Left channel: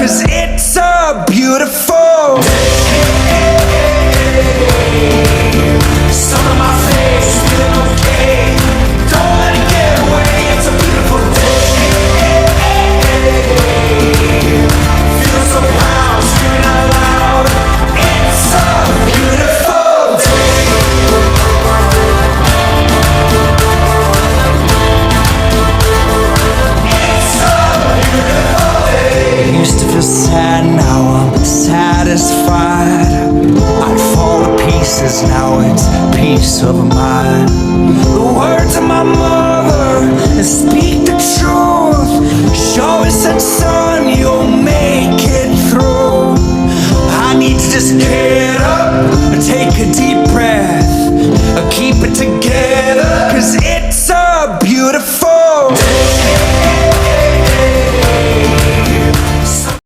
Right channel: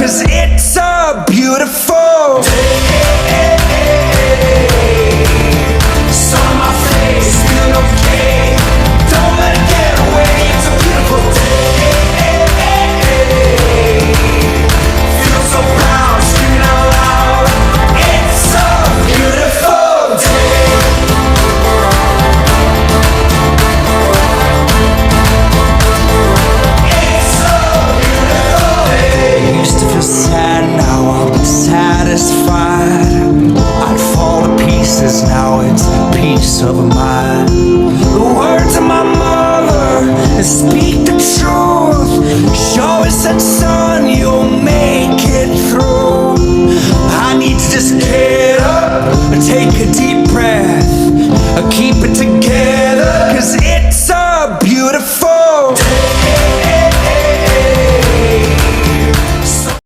'cause it's a beautiful day. Sun on my face, feeling okay. Don't let it get away. It's a beautiful day. Feel so proud, screaming out loud. It's a beautiful day. It's a beautiful day. I used to feel sad, now I'm satisfied. I'd fall to pieces, now it's peace of mind. The words of my mother speak the truth. She always said, son, you'll make